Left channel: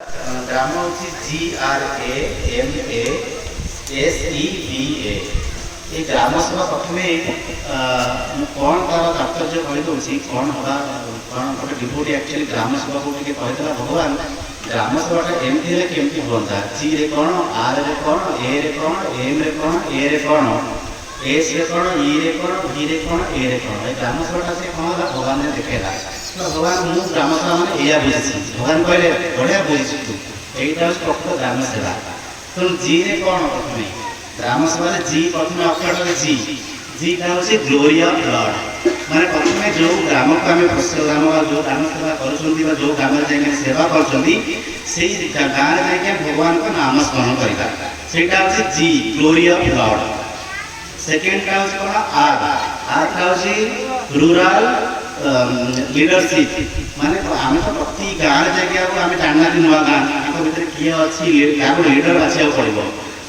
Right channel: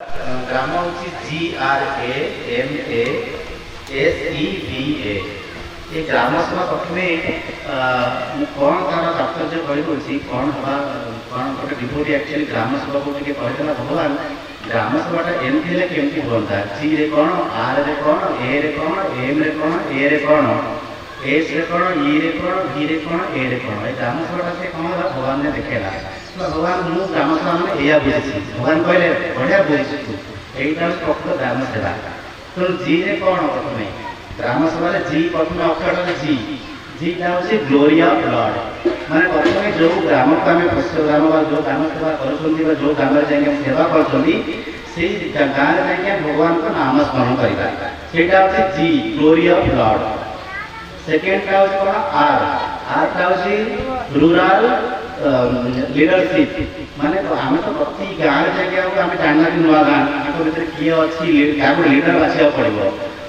ग्राम हूँ GRAMASEVA। ये ग्राम सभा प्रथम कौन तार तात्पर्य कहीदे कौन हवा कौन गोटे डिवोटी एक्चुअली ग्राम सभा को कहीदेला भगवान ग्राम सभाटा एमती हेल्ले केमती हाँ जी रे कौन आर रे कौन ए रे कौन एम रे कौन ए रे कौन एस रे कौन ई रे कौन भी रे कौन ए रे कौन ग्राम सभाटा से कौन भगवान ने देखेला भगवान मु ग्राम सभा मैंने या बुझी भगवान कहले बढ़िया बुझी तू यहीटा हूँ प्रकृत ग्राम सेवा। तेणु जी रे कौन प्रथम ग्राम सभा जी प्रथम अक्षर जी जीटा हूँ ग्लोरी ऑफ लॉर्ड माने प्रथम जो ग्राम को आम ग्राम जो ग्राम सेवा कर जो ग्राम जाए सेवा कर गाँव में जाए भगवान का नाम स्मरण करवा सेटा हूँ जी ग्लोरी ऑफ लॉर्ड। सेकेंडटा हूँ कौन आर आरटा हूँ रूराल लीडरशिप माने तो आम तो प्रति गाँव जगह आम जानना कि नुआ गाँ भर किए अच्छी क्या लीडर बाछा पड़ो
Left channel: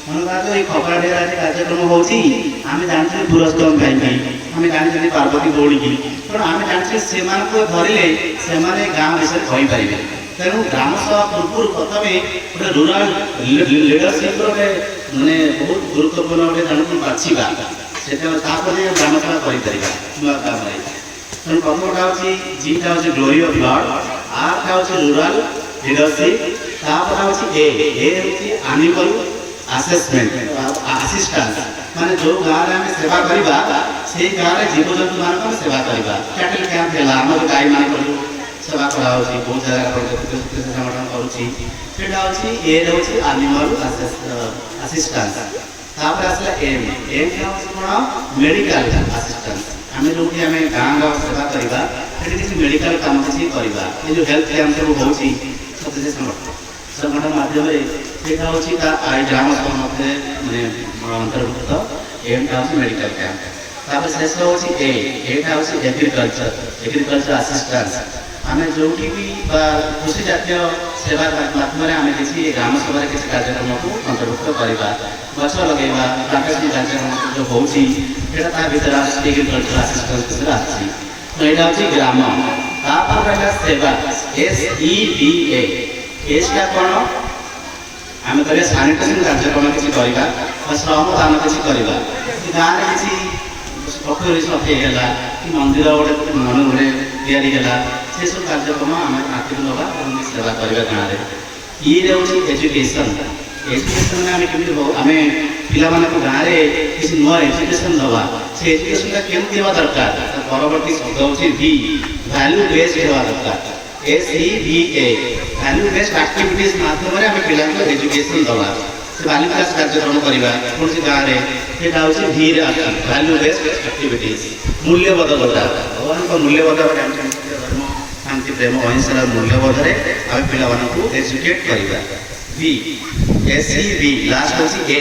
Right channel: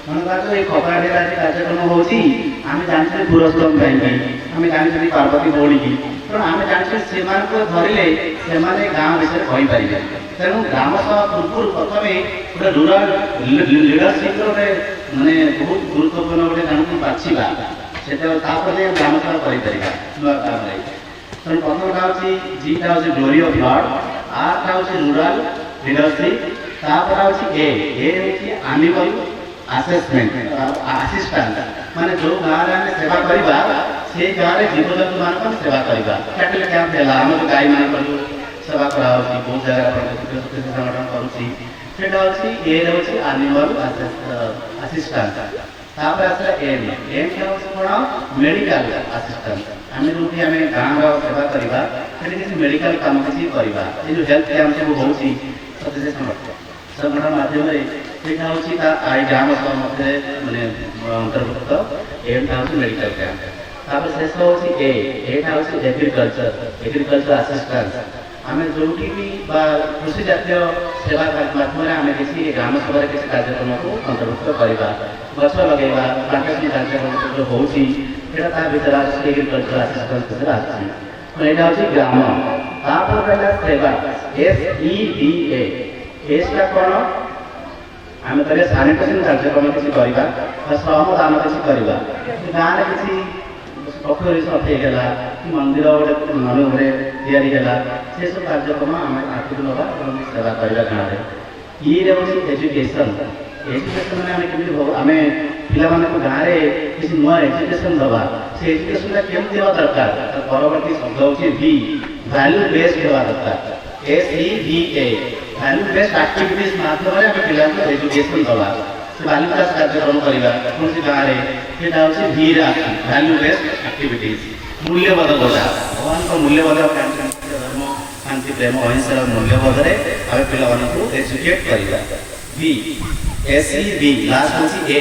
मन बात ये खपराढ़ आज कार्यक्रम होती आम जानते पुरस्कार कहीं आम जानते पार्वती भौणी की तेणु आम जानते से धरले से गाँव विषय कहीपर तेणु ग्राम सभा पूर्व प्रथम गोटे रूराल लीडरशिप गोटे मानने बहुत गुरुत्वपूर्ण गोटे जन को बाछा से ग्राम सभा कर नुआ गाँव में तेणु प्रथमटा हूँ जीटा हूँ ग्लोरी ऑफ लॉर्ड आरटा हूँ रूराल लीडरशिप तापटा हूँ ए हूँ एनिमल असेसमेंट असिस्टेंस माने जो गाँव में आम सेवा करवा से गाँव में जीवजंतु मान सेवा करवा कैटल कैंप है आम जो गाई मान सेवा करा बहुत जगह करूँगा हूँ ए हूँ एनिमल असिस्टेंस तापर आसला एम एम क्या कौन मेडिकल असिस्टेंस आम जो आम गाँव सेवा करवा किसी मेडिकल काम किसी करवा ये जो हेल्थ कैंप सब हो सत्य संगठन माध्यम हूँ ग्राम सभा मध्य मानने अंतर्भुक्त एमटा हूँ मेडिकल कैंप तापर शेष हूँ एटा हूँ एग्रीकल्चर असिस्टेंस आम जो भी कृषि जातीय सेवा माध्यम आम किसी ग्राम सभा किसी कार्यक्रम को अंतर्भुक्त करवा गछ लगेगा प्राकृतिक कार्यक्रम जो होती भर एग्रीकल्चर असिस्टेंस आसी तो यहाँ हूँ ग्राम तापर रहा सेवा SEVA एसटा कौन आम कह सानिटेसन कार्यक्रम किसी करवा श्रम दान किसी करवा गाँव में किसी पोखरी सफेईगला कि मंदिर गोटे मन गोटे या से सब कार्यक्रम आम आगे दबा सेवा करवा गाँव में ये हूँ एजुकेशन एजुकेशन मैंने आम कमी आम पिला गाँव में किसी नुआ एजुकेशन दबा से एजुकेशन केमती हवा दरकार परवर्ती शब्द हूँ भी वैल्यू बेस्ड हवा दरकार SEVA वैल्यू बेस्ड एक्टिविटीज माध्यम आम पिला एजुकेशन दबा से वैल्यू क्लास कार्यक्रम करवा कौन गाँव में यहाँ हूँ भी वैल्यू बेस्ड एक्टिविटीज मूल्यबोध जोटा भगवान को मूल्यबोध धर्म शांति प्रेम अहिंसार मूल्यबोध में आम पिला एजुकेट करवा भी SEV लास्ट हूँ ए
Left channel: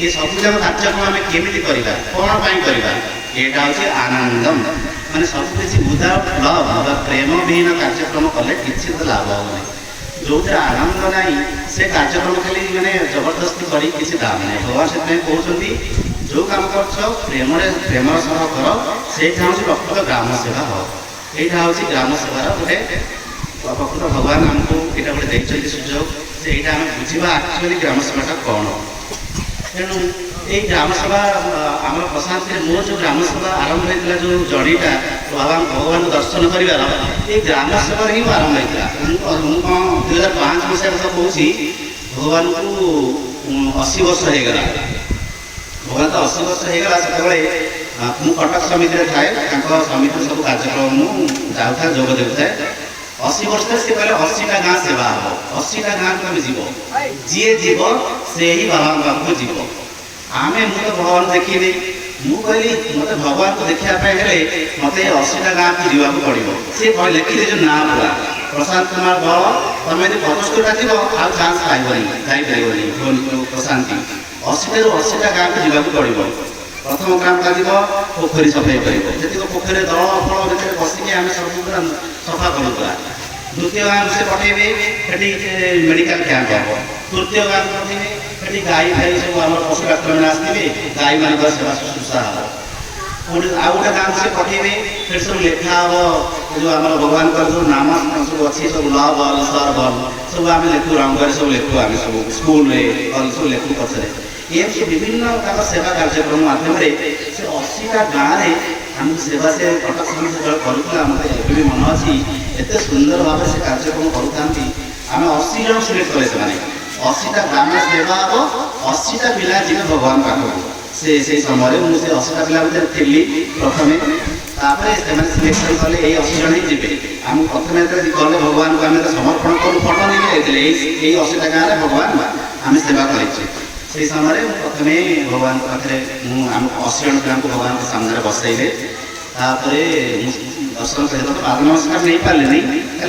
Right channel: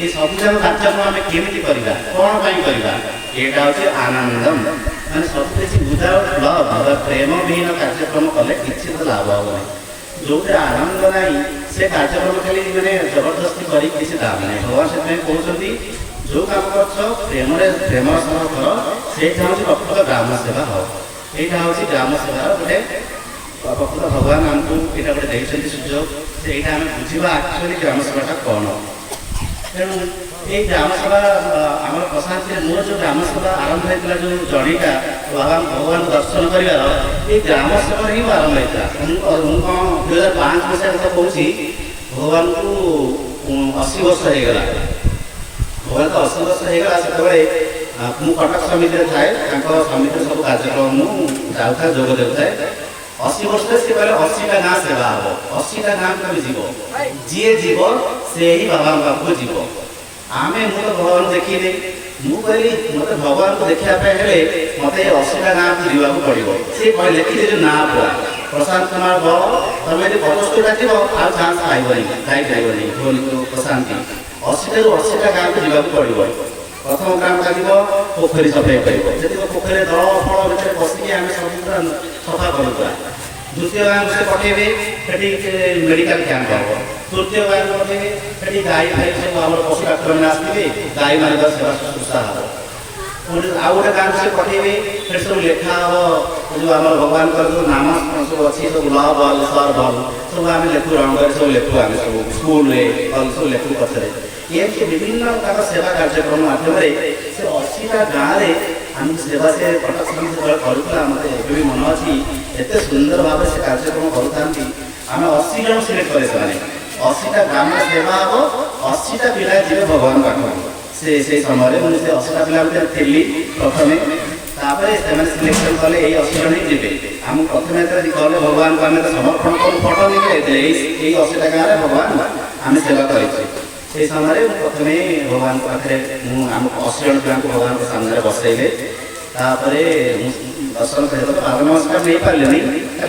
ये सब जाक कार्यक्रम आम केमी करवा कौन करवा यहाँ हूँ आनंदम माने सब किसी विदाउट लव प्रेम विहीन कार्यक्रम कले किसी तो लाभ होना जो आनंद ना से कार्यक्रम खाली मैंने जबरदस्ती कर किसी दाम ना भगवान से कहते जो काम कर प्रेम सह कर से हूँ प्रकृत ग्राम सेवा हो यहाँ हूँ ग्राम सेवार गोटे प्रकृत भगवान आमको यहाँ गोटे देखते सुझाव से यहाँ आम बुझा एक्चुअली ग्राम सेवाटा कौन तेणु ये ग्राम सभा आम प्रशांत मोर जो ग्राम सभा आरंभ होता जो जड़ीटा भगवान दर्शन कर ये ग्राम सभा ही आरंभ होता मुझे कौन 2005 मसीहा कथा कहूँ भगवान को 80 वर्ष होगा भगवान को 80 वर्ष होगा से मुझे कटक समिति थाए समिति सब कार्यक्रम मुझे जोग देता 80 वर्ष से कहले 80टा गाँव सेवा हम 80टा गाँव तुम जीव जी जीव से ही भगवान पाखु जीव आम मुझे भगवान देखिए मुझे मत भगवान को देखापे मत 80टा गाँव को जीवाक पड़ो सी लिखिदे जो ना पूरा प्रशांत कुमार बल तुम यदि 75टा जीव आ चान्स पाइबनी प्रशांति 80टा गाँव को जीवाक पड़ो प्रथम ग्रामटा जीव पोखरी सफाई कर पोखरी दल फल भर बसिक आम सब सफा करूँ द्वितीय गाँव से पठेबे मेडिकल कैंप हम तृतीय गाँव पठेबे गाई फाई सब आम पशु डाक्तर मैंने आसते गाई मान सेवा शुश्रूषा हम ଆଉ ଗୋଟେ ଗାଁକୁ ସେ ପଠେଇବେ ସେଠି ସବୁ ଲେଖା ହବ ଯେଉଁ ଆମର ଭଗବାନଙ୍କର ସବୁ ନାମ ସବୁ ଅଛି ସବୁ ଲ ବଲ ସର ବଲ ସବୁ ଆମେ ଲେଖୁ ରଙ୍ଗରେ ସବୁ ଲେଖୁ ଆମେ ସବୁ ସ୍କୁଲରେ ସବୁ ଲେଖୁ ପଛରେ ଏମିତି ବିଭିନ୍ନ ତାଙ୍କ ସେବା କାର୍ଯ୍ୟକ୍ରମ ମାଧ୍ୟମରେ ସେ 80ଟା ଗାଁରେ ଆମେ ସେବା ସେ କଟକ ଯେତେବେଳେ କରୁଥିଲା ମୋତେ ଏବେ ବି ମନେ ଅଛି ଏତେ ସୁନ୍ଦର ଭାବରେ ସେ କାର୍ଯ୍ୟକ୍ରମ କରୁଥାନ୍ତି ଆମେ 80 ଜଣ ସିଲେକ୍ଟ କଲେ ସେମାନେ 80ଟା ଗ୍ରାମ ସେବା ହବ 80ଟା ପିଲା ଯିବେ ଭଗବାନ ପାଖକୁ ସେ ସମୟରେ ମୁଁ ସେ 80ଟା ପିଲା ଭିତରେ ଥିଲି ପ୍ରଥମେ ତାପରେ ସେମାନେ ସିଲେକ୍ସନ କଲେ ଏଇ 80 ଜଣ ହିଁ ଯିବେ ଆମେ ପ୍ରଥମେ ଯେତେବେଳେ ଗଲେ ଭଗବାନଙ୍କୁ ଆମେ ତ ସମର୍ପଣ କରୁ ଫଟୋ ନେଇକି ଯାଇଥିଲେ ଏଇ 80ଟା ଗାଁରେ ଭଗବାନ ଆମେ ସେବା କରିଛୁ ସେଇ ସମୟରେ ମୁଁ ପ୍ରଥମେ ଭଗବାନଙ୍କ ପାଖରେ ମୁଁ ଆମ 80 ଜଣ ପିଲାଙ୍କୁ ଭଗବାନଙ୍କ ସାମ୍ନାରେ ବସେଇଲେ ତାପରେ ଦର୍ଶନ ସହିତ ପାଦ ନମସ୍କାର ନେଇପାରିଲେନି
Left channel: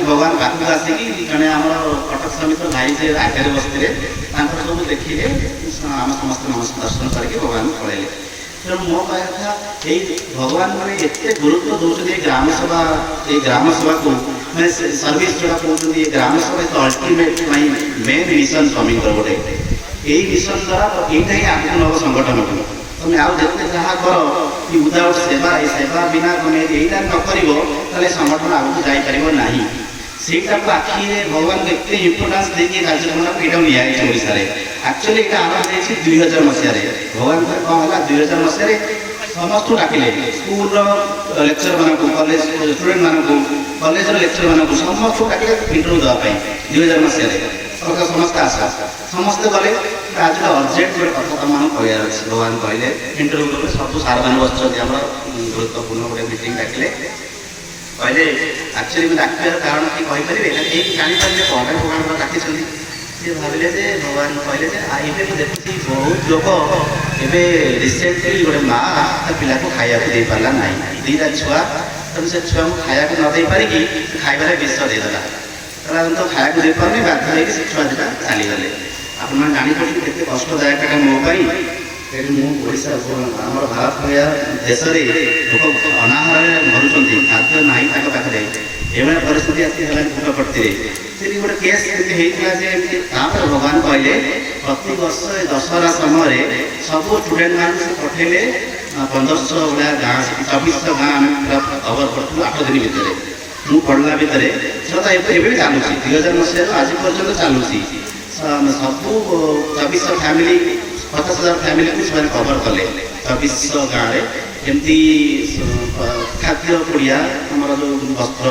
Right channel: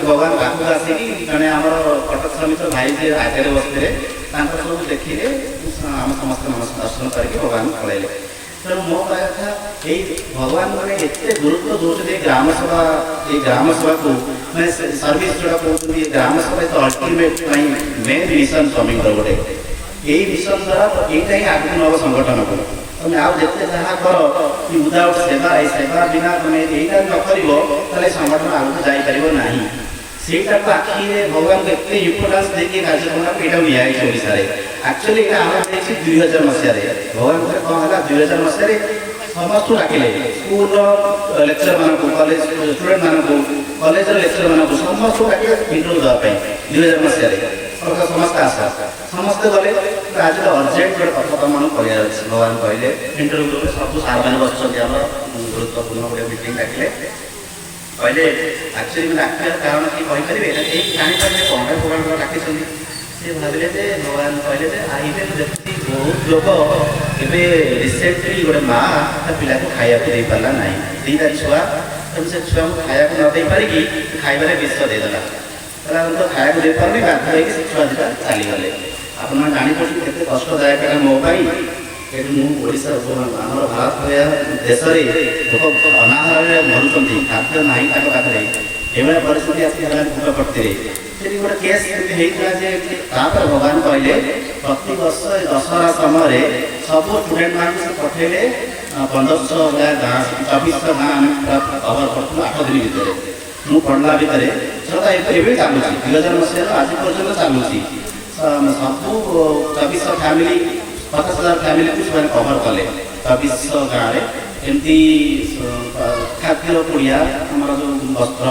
ଭଗବାନ ପାଖକୁ ଆସିକି ଜଣେ ଆମର କଟକ ସମିତ ଭାଇ ଯେ ଆଗରେ ବସିଥିଲେ ତାଙ୍କର ସବୁ ଦେଖିଲେ ଆମେ ସମସ୍ତେ ଦର୍ଶନ କରିକି ଭଗବାନଙ୍କୁ ପଳେଇଲେ ତେଣୁ ମୋ କହିବା କଥା ଏଇ ଭଗବାନ ମାନେ ଏତେ ଗୁରୁତ୍ୱ ଦେଉଛନ୍ତି ଏଇ ଗ୍ରାମ ସେବାକୁ ମାନେ ସର୍ଭିସ ଯୋଉଟା କହୁଛନ୍ତି ଏ ଗ୍ରାମ ସେବା ଏକ ଅଲ୍ଟିମେଟ୍ ପାଇଁ ମେନ୍ ମିଶନ ସ୍ୱାମୀଙ୍କର ଗୋଟେ ଏଇ ମିଶନ ଦ୍ୱାରା ଏଇଟା ହିଁ ଆଗକୁ ନେବ ସଂଗଠନକୁ ତମେ ଆଉ ଯେତେ ଯାହା କର କି ଉଦାଉଟ୍ ସେବା ଏ ସେବା ବିନା ତମେ ଏଇଟା ନ କରିବ ତାହେଲେ ସଂଗଠନ ଆଗକୁ ଯାଇପାରିବ ନାହିଁ ସେଇଟାକୁ ଆଖିରେ ଭଗବାନ ଏତେ ଇମ୍ପୋର୍ଟାନ୍ସ ଦେଇକି କାର୍ଯ୍ୟକ୍ରମକୁ ଏଇଟା ନିଆଯାଇଛି ଓଡ଼ିଶାରେ ଆକ୍ଚୁଆଲି ଏଇଟା ଆମର ହେଇଛି 2000 ମସିହାରେ ଭଗବାନଙ୍କ କ'ଣ ହେଲା 2000 ମସିହାରେ ସମସ୍ତଙ୍କୁ ଡାକିଲେ ସ୍କୁଲର ଲେକ୍ଚରମାନଙ୍କୁ କଲେଜ ଷ୍ଟୁଡେଣ୍ଟମାନଙ୍କୁ କଲେଜର ଲେକ୍ଚରମାନଙ୍କୁ ସମସ୍ତଙ୍କୁ ଡାକିଲେ ଇଣ୍ଟରଭ୍ୟୁ ଦେବା ପାଇଁ 2000 ମସିହାରେ ସମସ୍ତେ ଆଶା ସମସ୍ତେ ଗଲେ ଆଜିର ଅର୍ଜେଣ୍ଟ ଗୋଟେ କଥା ତମମାନଙ୍କୁ କହିବାର ଅଛି ଭଗବାନ କହିଲେ ଇଣ୍ଟରଭ୍ୟୁ ସବୁ ସାର୍ମାନେ ବସିଛନ୍ତି ଆମର ଗୁରୁତ୍ୱପୂର୍ଣ୍ଣ ଗୋଟେ ମିଟିଂ ଡାକିଲେ କହିଲେ ଆକ୍ଚୁଆଲି ଡାକିବାର କାରଣ କି କହିପାରିବେ କେହି ଜାଣିପାରିଲେ କ'ଣ ପାଇଁ ଭଗବାନ ଡାକିଛନ୍ତି ସେ ଭାବିଲେ ଯେ ଭଗବାନ କହିଲେ ଯେ ଏବେ ମୁଁ ଦେଖୁଛି ବହୁତ ଲୋକ ଏବେ ରିସେଣ୍ଟଲି ଗୋଟେ ମା ତା ପିଲାକୁ ଖାଇବାକୁ ଦେଇପାରିଲା ନାହିଁ 2ଟା ଛୁଆ ତେଣୁ ସେ ଛୁଆକୁ ଖାଇବାକୁ ନ ଦେଇପାରିକି ଖାଇବାରେ ବିଷ ଦେଇଦେଲା ତ ଖାଇବାକୁ ଦେଇପାରୁନି ବାଧ୍ୟ ହେଇକି ସେ ଛୁଆ ଦୁଇଟା ଚାଲିଗଲେ ଆପଣମାନେ ଜାଣିପାରୁଛନ୍ତି କେତେ କଷ୍ଟଦାୟକ ଏଇଟା ମୋ ପାଇଁ ଏଠି ମୁଁ ଓଡ଼ିଶାର ଆମର ଭାରତ ଭଳିଆ ଦେଶରେ ଲୋକ ଅନାହାରରେ ମରୁଛନ୍ତି ଖାଦ୍ୟ ନାହିଁ ତାଙ୍କ ପାଖରେ ଏଭଳିଆ ପରିସ୍ଥିତି ଆସି ହେଲାଣି ପୁଟପର୍ତ୍ତିରେ ସେଠି ଗୋଟେ କେସ୍ ଏମିତି ହେଇଥିଲା ଯେ ତାପରେ ଭଗବାନ କହିଲେ ପ୍ରତିବର୍ଷ ଦଶହରା ସମୟରେ ସବୁ ଷ୍ଟୁଡେଣ୍ଟମାନଙ୍କୁ ସେ ପଠେଇଲେ 1500 ଭଳିଆ ଗାଁ 2400 ଗାଁ ଆମେ କଭର କରୁଛୁ 8 ଦିନ ଭିତରେ ମୁଁ ପଢ଼ିଲା ଭିତରେ ସେଟା ଏବେ ବି ଚାଲୁଛି 2000 ମସିହାରୁ ଆଜି ପର୍ଯ୍ୟନ୍ତ ଚାଲୁଛି ସବୁ 2400 ଫ୍ୟାମିଲି 50,000 ଫ୍ୟାମିଲିକୁ ସେମାନେ କଭର କଲେ 2400 ଗାଁରେ ଏମିତି ଖାଦ୍ୟ ପୁଡ଼ିଆ ଆମର ଯେଉଁ ବସ୍ତ୍ର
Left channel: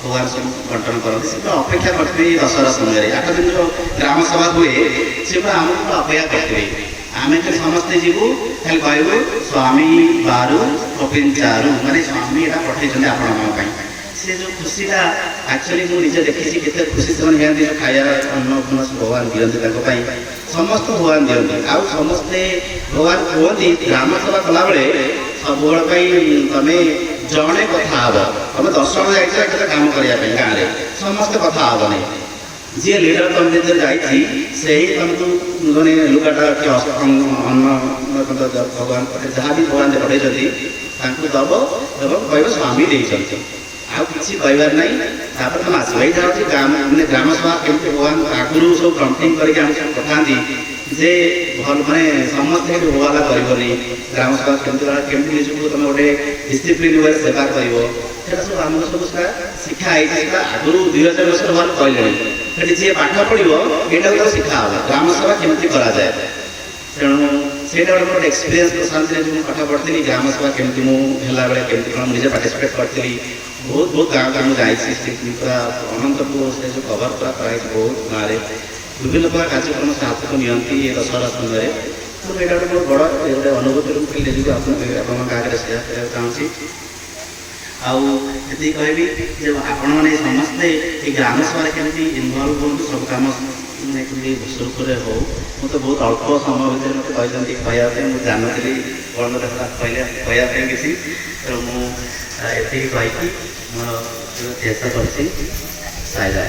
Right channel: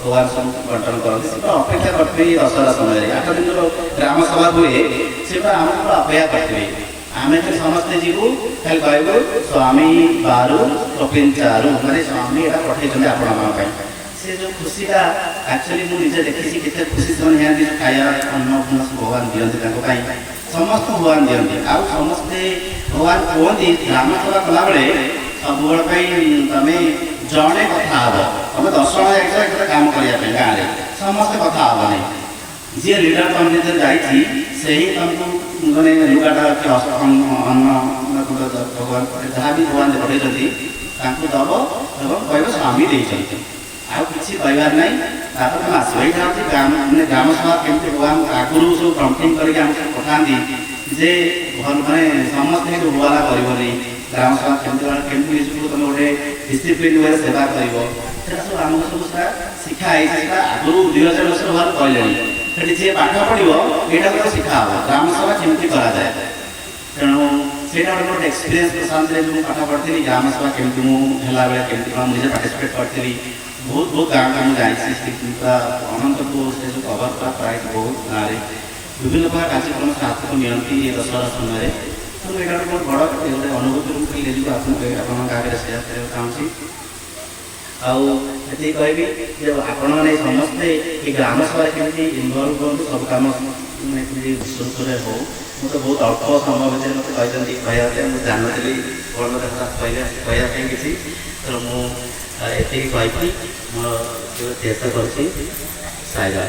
ଭଗବାନ ସବୁ ବଣ୍ଟନ କରନ୍ତି ସେଟା ଅପେକ୍ଷା କରିଥିବେ ଦଶହରା ସମୟରେ 8 ଦିନର ଗ୍ରାମ ସଭା ହୁଏ ସେଟା ଆମକୁ ଅପେକ୍ଷା କରିଥିବେ ଆମେ ଖାଲି ସମସ୍ତେ ଯିବୁ ଖାଲି କହିବୁ ସ୍ୱାମୀ ବାରୁ କପିନ୍ ଚାରୁ ମାନେ ସ୍ୱାମୀ ଏଇଟା ପଠେଇଛନ୍ତି ଆପଣମାନଙ୍କ ପାଇଁ ସେ ଯେଉଁ ଖୁସିଟା ଆକ୍ଚୁଆଲି ମୁଁ ନିଜେ ଦେଖିଛି କେତେ ଖୁସି ସେମାନେ ନିଅନ୍ତି ଯେଉଁ ଖାଇବା ଅନ୍ନ ଭଗବାନ ଦିଅନ୍ତି ତାଙ୍କ ପାଇଁ ସମସ୍ତଙ୍କୁ ଭଗବାନ ଦିଅନ୍ତି ଆଉ ସମସ୍ତେ ଭଗବାନ କୁହନ୍ତି ଗ୍ରାମ ସେବା କଲାବେଳେ ସବୁବେଳେ ପାଇଁ ତମେ ଜଣେ କଥା ହବ ତମେ 10 ଜଣ ଯାଇଛ କେତେ କାମ କରିବା ପାଇଁ ଗାଁରେ ସମସ୍ତେ କଥା ହବନି ଯିଏ ଲିଡର ତମ ଭିତରେ ଯାଇଛି ସେହି ତମକୁ ମାନେ ଲୁଗାଟା ଅନ୍ନ ଭଗବାନ ଯାହା ବି ଭଗବାନ ପଠେଇଛନ୍ତି ତାଙ୍କୁ ଦବ ଏବଂ କହିବ ସ୍ୱାମୀ ଦେଇଛନ୍ତି ଆଉ କିଛି କହିବାର ନାହିଁ ତାପରେ ତୁମେ ଆସିବ ଏଇଟା ହେଉଛି ମାନେ ଗ୍ରାମ ସଭା କେମିତି ଭଗବାନ ଆଗରୁ ସବୁ ପ୍ରମ୍ପଟିଂ କରିକି ଆମେ ସବୁ ପଠାନ୍ତି ଯେ ମାନେ ସମସ୍ତେ କେମିତି ହୋବାଲା କରିବନି ଗ୍ରାମ ସଭା କେମିତି ନିଜକୁ ତୁମେ ଗୋଟେ ଡିସିପ୍ଲିନ୍ ଭାବରେ ସେବା କରିବ ସେଟା ସବୁ ଆମକୁ ସବୁ ସେଟା ଶିକ୍ଷା ହେଇଛି ସେଟା ଆଗରୁ 2000 ବର୍ଷ ଭଗବାନ କହିଲେଣି ସେଠି ଯିଏ ପାଠ ପଢ଼ିବ ଏଇଟା ଗୋଟେ ଶିଖା ହେବ ଗ୍ରାମ ସଭା କେମିତି କରାଯାଏ ତେଣୁ ସେଇଟା ଗୋଟେ ଏକ୍ସପିରିଏନ୍ସ ପ୍ରଶାନ୍ତରେ ମୁଁ ପାଠ ପଢ଼ିଥିଲି ଗ୍ରାମ ସଭା କେମିତି ମୁଁ ହେଲାବେଳେ କେମିତି କ'ଣ ନିଜେ ପାର୍ଟିସିପେଟ୍ କରିଥିଲି ବହୁତ ଗାଁକୁ ମୁଁ ଯାଇଛି ପୁରା ଅନନ୍ତପୁର ସେ ଯେଉଁ କଭର ପୁରା ପ୍ରାୟ ବହୁତ ଗାଁରେ ବିଭିନ୍ନ ପ୍ରକାର କାର୍ଯ୍ୟକ୍ରମ ସେ ହାତକୁ ନିଅନ୍ତି ଏ ଦଶହରା ସମୟରେ ତେଣୁ ଏଇଟା ଗୋଟେ ବଡ଼ ଗୋଟେ ଅନୁଭୂତି ରୂପେ ନିଜକୁ ଆପଣଙ୍କ ଗାଁରେ ସେୟାର କରିବାକୁ ଚାହୁଁଛି ଆଉ ଏତିକି କହିବି ଯେ ଆପଣମାନେ ସମସ୍ତେ ଏ ଗ୍ରାମ ସଭାରେ କେମିତି ଇନଭଲ୍ଭ ହୁଅନ୍ତୁ ସବୁ କାମ କେମିତି ବିଶ୍ୱସ୍ତରେ ହଉ ମୁଁ ତ ବହୁତ ଅଳ୍ପ ସମୟ ଭିତରେ ମୋତେ କହିଛନ୍ତି କହିବା ପାଇଁ ମୁଁ ଜାଣିନଥିଲି କ'ଣ କଥା କହିବା ପାଇଁ କିଛି ତେଣୁ ମୁଁ ଏତିକି କହିକି ମୋର ଯେଉଁ ଚେଷ୍ଟା କରିଛି ସାଇରା